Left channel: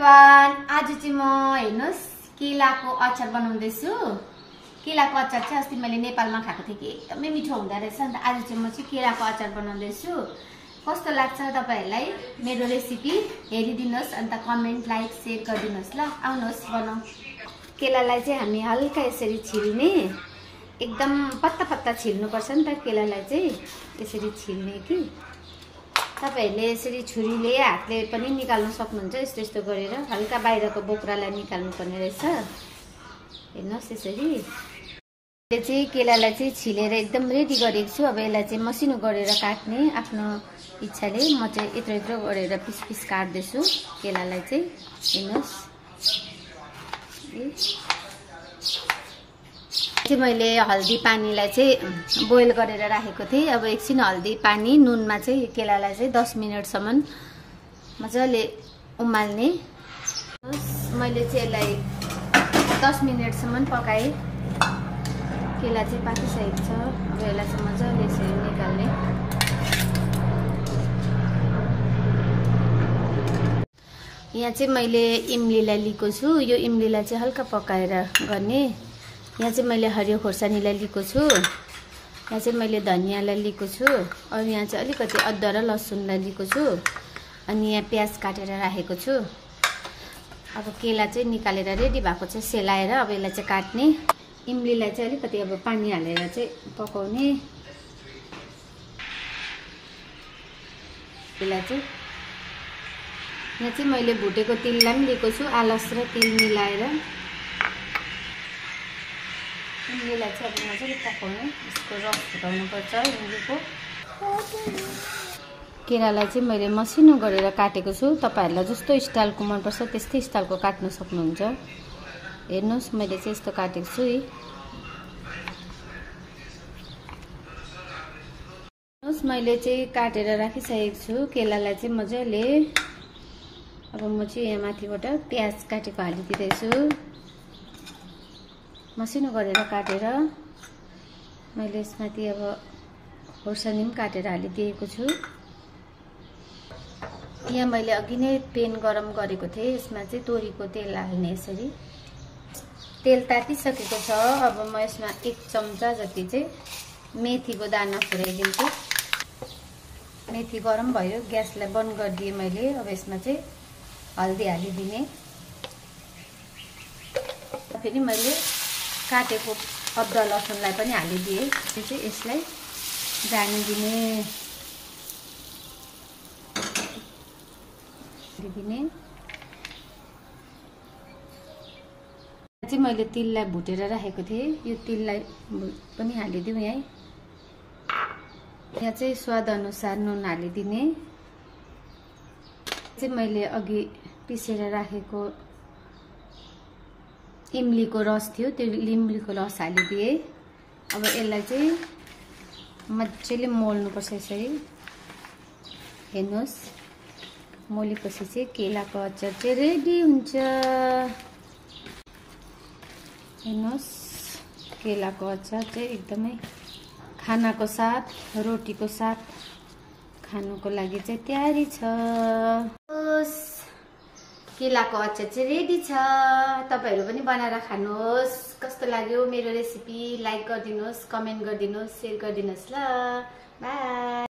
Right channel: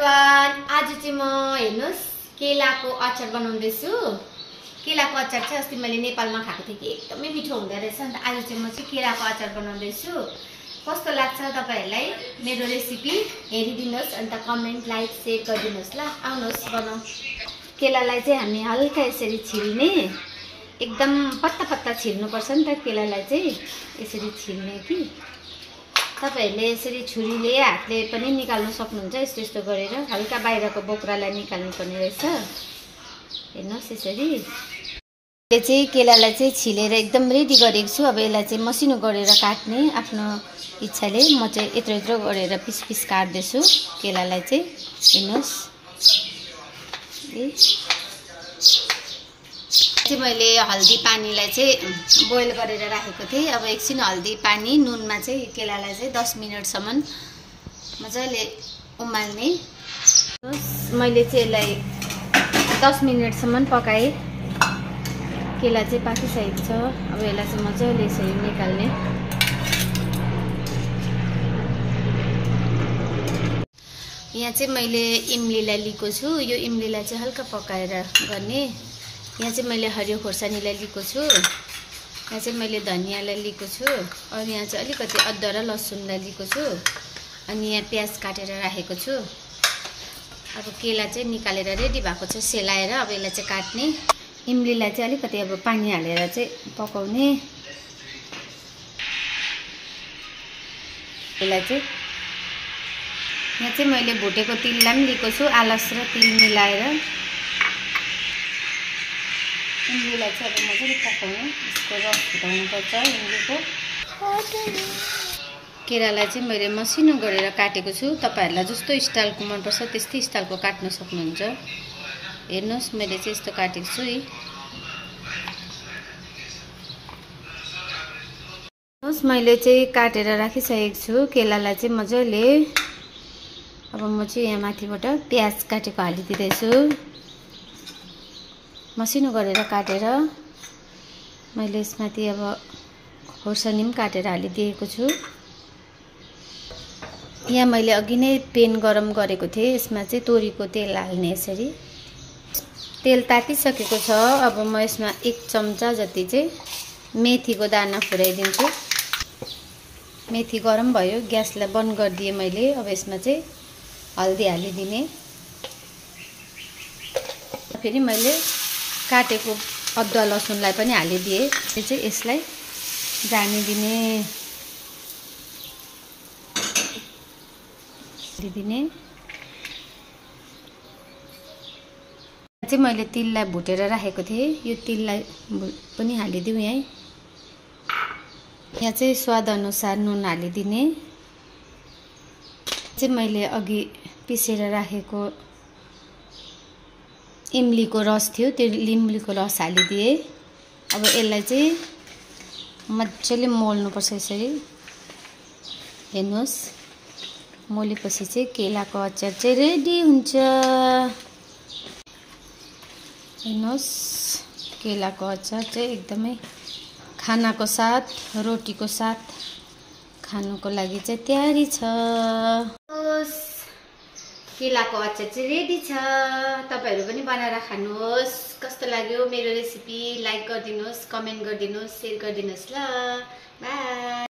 Everyone, आज चाहिँ म हेर्नुस् केलाको अचार बनाउँदैछु। केलाको अचार चाहिँ अस्ति मैले नेपालमा खाएको थिएँ कि एकदमै मिठो हुँदो रहेछ। अन्त आज चाहिँ म चाहिँ केलाको अचार बनाउँदैछु। कस्तो लाग्छ तपाईहरुलाई मेरो रेसिपी हेरिदिनुस्, अन्त कमेन्ट लाइक शेयर गरिदिनुस् ल। आउनुहोस् बनाऊ। केलालाई चाहिँ हामी हल्का यसरी छिल्ने, एकदम पत्ता पत्ता छिल्नुपर्छ नि त केलालाई चाहिँ। यसरी छिल्ने कि तपाईहरुले यसरी छुरीले हातले पनि निकाल्न सक्नुहुन्छ। यस्तो यस्तो गरेर हल्का बाहिरको बोक्रालाई निकाल्नु पर्ने रहेछ। हेर्नुस् यसरी यो चाहिँ केलालाई चाहिँ छिलेर एकदम रेडी गरेको छु। अब यसलाई चाहिँ मसिनो गरेर काट्ने आफ्नो इच्छाले म चाहिँ यत्रो यत्रो गरेर पिस पिस काट्दैछु केलालाई चाहिँ। हेर्नुस् मैले हल्दी पानीलाई चाहिँ बोइल गरेर राखेको थिएँ। अब एकछिन हल्दी पानी नुनमा चाहिँ केलालाई चाहिँ 10 मिनेटसम्म मजाले उमाल्ने। मैले चाहिँ यसलाई 10 मिनेटसम्म पकाएँ। केला चाहिँ पाकिसकेको छ। अब यसलाई चाहिँ मजाले यसरी निकाल्ने। यहाँ चाहिँ मैले इमलीलाई लिएको छु। यो इमलीलाई चाहिँ हल्का पकाएर गर्ने। यहाँ चाहिँ मैले हरियो खोर्सानीलाई लिएको छु। यहाँ चाहिँ मैले धनियालाई लिएको छु। अनि यहाँ चाहिँ अलिकति अदुवा र लसुनलाई लिएको छु। अनि यहाँ प्याज काटेर राखेको छु। अब केला चाहिँ निकालेर रेडी भएको छ सेलाएर। अब यसलाई चाहिँ काट्ने। इमलीलाई चाहिँ अलिकति अब पानी हालेर चाहिँ पकाउने। यसलाई चाहिँ यहाँ चाहिँ मैले भुटेको तिललाई पनि लिएको छु, आलस र तिल मिलाएर। इमलीलाई चाहिँ अब मजाले पकाउने। यसको रस फुटाउनुपर्छ इमलीको। केरालाई चाहिँ मैले मसिनो गरेर काटेको छु। तपाईहरुलाई जस्तो स्टाइलको मनपर्छ त्यस्तै स्टाइलको काट्न सक्नुहुन्छ। हेर्नुस् मैले चाहिँ यस्तो काटेको छु। हेर्नुस् मैले चाहिँ काटेर राखिसकेको छु केलालाई चाहिँ मजाले। अब म चाहिँ यहाँ माथिबाट प्याज काटेको हालिदिँदैछु। मसिनो गरेर काटेर मैले यसमाथि अब खोर्सानी पनि काटेर हालिदिएको छु। यहाँ मैले अघि नै पेन गरम गरेको थिएँ। यसमा चाहिँ तोरीको तेल हाल्ने। यसरी तेल तातिसकेको छ। अब म यसमा 1 चम्चा जति चाहिँ मेथीको दाना फुराइदिन्छु। मेथी गरम भयो, ग्यासलाई बन्द गरिदिएँ मैले। अब यसमा चाहिँ हल्दी हालिदिने। फेरि मैले काटेको अदुवा लसुनलाई पनि हालिदिएँ। यो चाहिँ यसलाई जानिदिने दिने। चाहिँ मैले तिललाई भुटेर राखेको थिएँ। यो तिललाई पनि हालिदिउँ यहीँ। यहाँ चाहिँ स्वाद अनुसार नुन हालिदिने। चाहिँ मैले अघि पिसेर राखेको इमलीको रस थियो, त्यो इमलीको रस हालिदिएँ। अब यसलाई चाहिँ मजाले मोल्नुपर्छ यसरी। हेर्नुहोस् मोलेपछि चाहिँ केलाको अचार चाहिँ रेडी हुन्छ। हेर्नुहोस् केलाको अचार चाहिँ एकदमै खानाको साथ, रोटीको साथ खानुको लागि चाहिँ तयारी छ। केलाको अचार चाहिँ रेडी छ। तपाईहरु पनि बनाएर खानुहोस्। कस्तो लाग्यो मेरो रेसिपी लाइक गरिदिनुहोस्, कमेन्ट गरिदिनुहोस्, शेयर गरिदिनुहोस् ल। बाइ।